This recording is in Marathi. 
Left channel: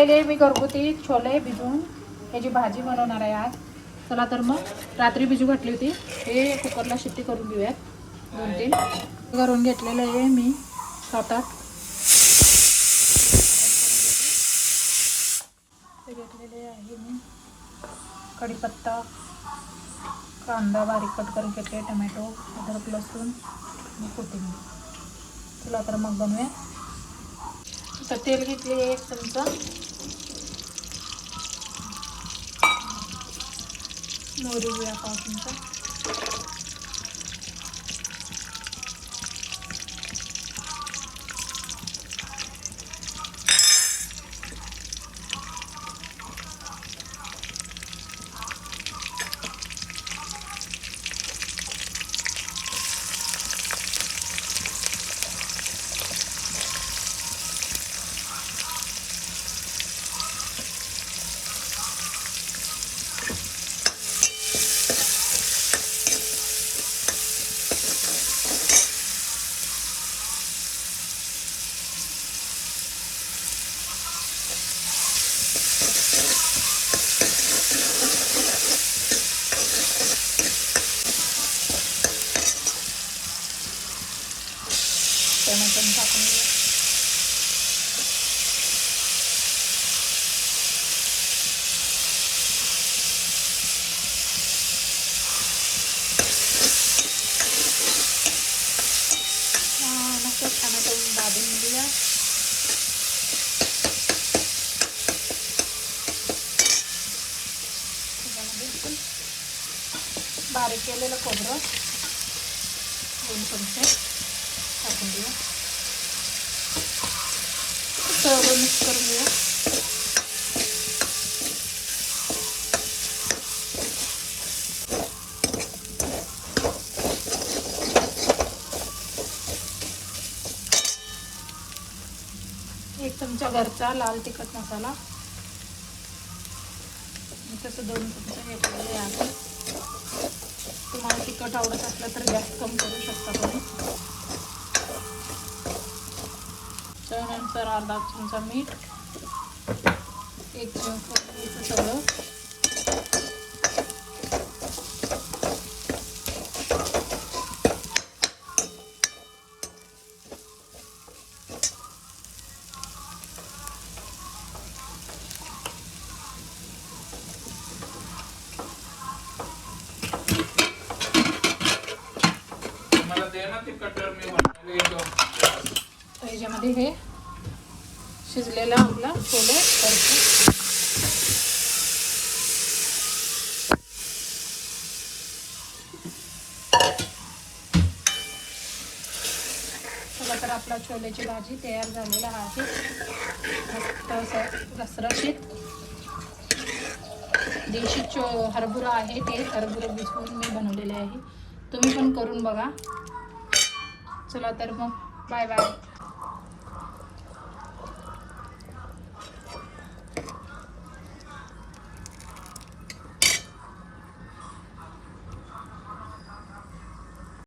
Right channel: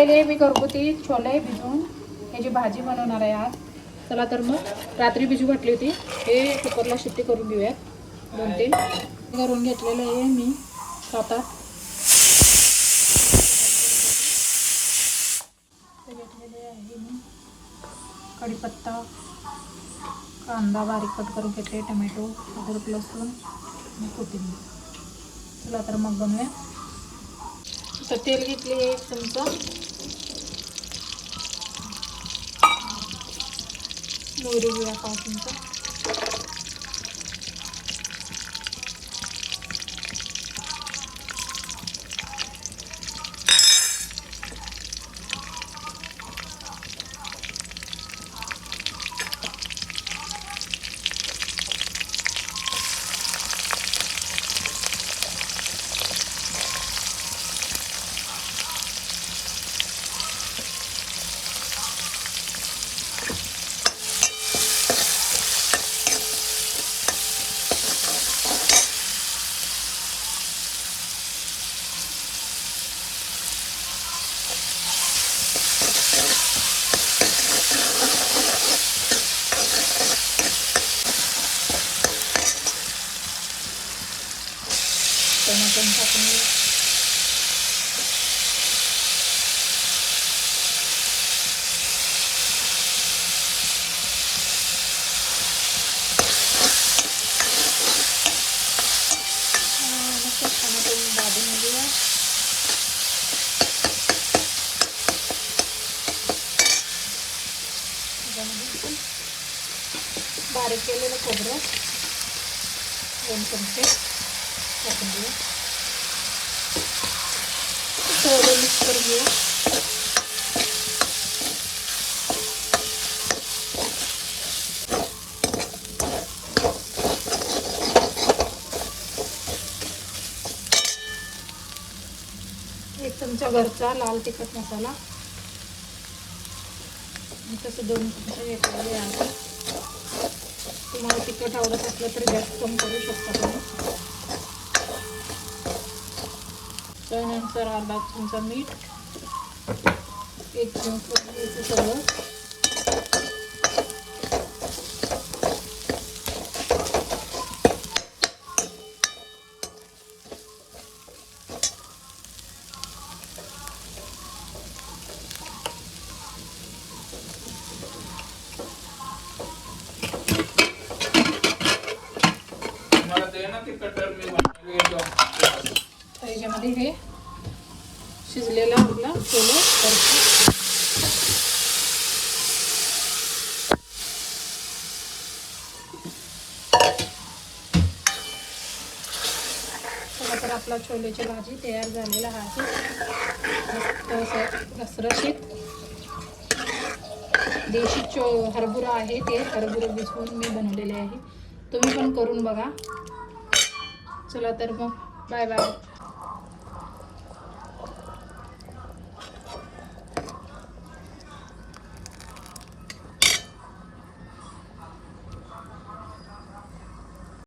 मी घरगुती छोले भिजवून त्याची भाजी बनवणार आहे आज. चला तर मग रात्री भिजू घातली होती. हे कुकरला शिट्टी करून घेऊयात 2-3 करून घेतलेलं आहे मी 7-8. ते घेतलेले आहे मी कढीपत्ता, कांदा बारीक कट करून घेतले, टमॅटो, अद्रक, लसूण आणि कोथिंबीर. चला तर मग बनवूया. तर तेल घेतले 1 चमचा, मोहरी घेऊया 1 चमचा, टमाटर टाकून मस्त टमाटर दाबून घेऊया. बारीक केलेलं खोबरं 2 चमचे टाकून घेऊया. सर्व मिक्स करून घेऊया. एक चमचा घरचा लाल तिखट मसाला, तसं 2 चमचे घेतलेले आहे. तुम्हाला तिखट आवडत असलं तर जास्त कमी करू शकता तुम्ही. त्यानंतर अर्धा चमचा मीठ, 1 चमचा सगळं, त्याच्यामध्ये हे शिजलेला आपला छोले करतो. चला तर आपला छोलेची भाजी तयार झालेला आहे. मस्त रसरशीत देशी हरभरा आहे. ते हरभरा भिजवून मी बनवलेले आहे. तुम्ही पण करून बघा. चला तर मग बाय बाय.